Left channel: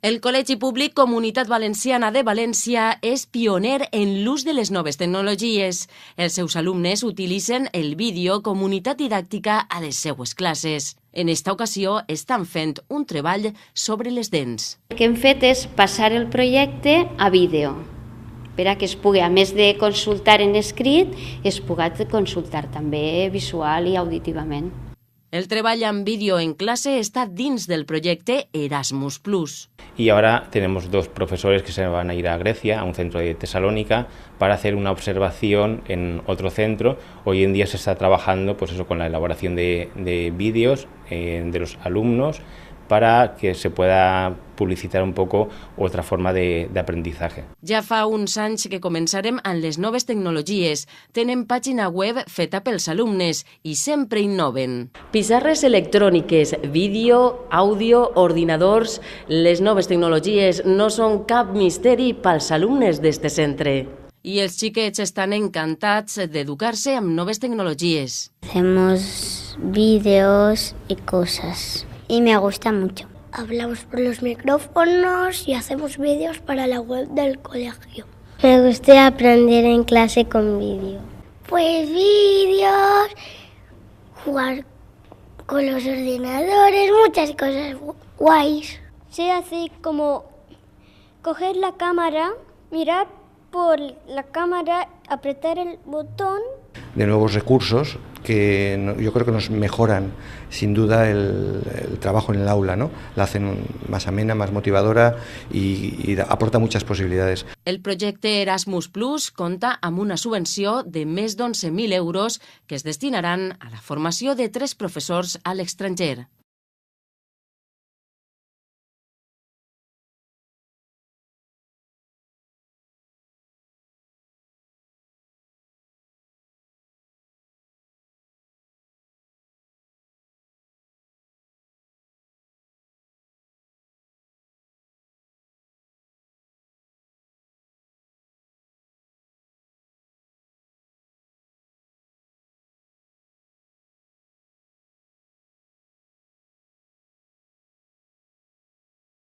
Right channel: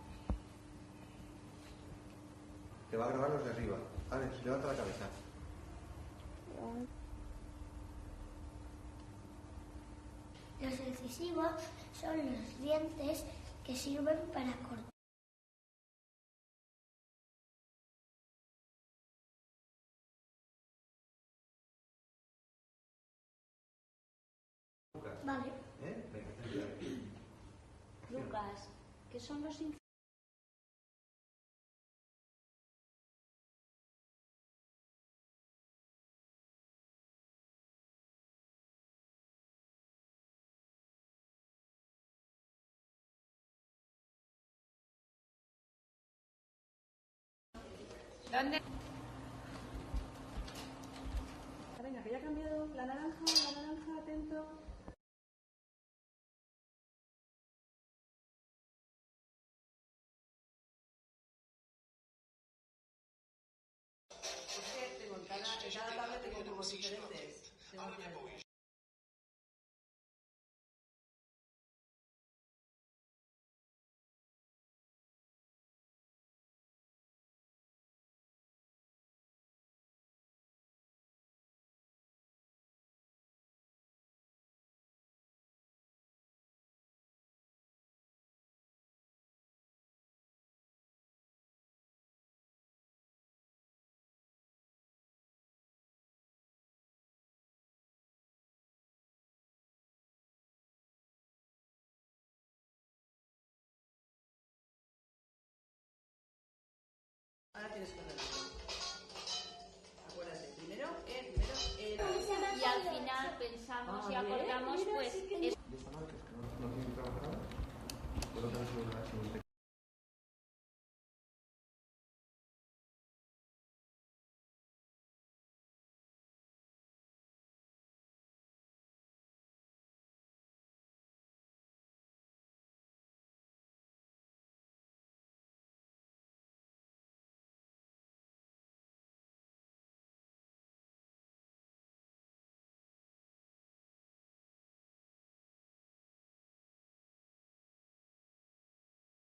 El Col·legi Públic Comunitat Valenciana de València és pioner en l'ús de les noves tecnologies. Els seus alumnes utilitzen el vídeo com unitat didàctica a les seues classes. En esta ocasió estan fent un treball sobre les dents. El que hem fet és passar el projecte a vídeo, per a que es pugui, a més de consultar en escrit, es pugui consultar també visual i auditivament. El treball en vídeo en clase está dins del proyecto Erasmus+. Y ahora tenemos dos profesores que se van a ir a Grecia, a un centro de Tesalónica, para hacer una observación en otro centro. Hoy en día se está trabajando pues eso, con la elaboración de vídeos de los alumnos para que se pueda publicitar un poco otra forma de aprendizaje. Ja fa uns anys que començarem amb les noves tecnologies. Tenen pàgina web feta pels alumnes i sempre innoven. Pissarres electròniques, vídeo, àudio, ordinadors... Les noves tecnologies no són cap misteri pels alumnes d'este centre. I els xiquets estan encantats d'educar-se amb noves tecnologies. Hacemos vídeos y cosas. Y me gusta mucho. Hablamos por los micrófonos y hacemos vídeos para la web del colegio. Me gusta aprender en clase con vídeo. Pues vídeos, jugar con los ordenadores, muchas cosas guays. Se hace como coger la cámara, mirar por la cámara, apretar el botón. De nuevos recursos que yo creo que nos mejoran sin duda el trabajo en el aula, ¿no? La hacen más amena, más motivadora y aporta muchas posibilidades. El projecte Erasmus+ compta amb una subvenció de més d'11.000 euros que es destinaran a la formació de 3 professors a l'estranger.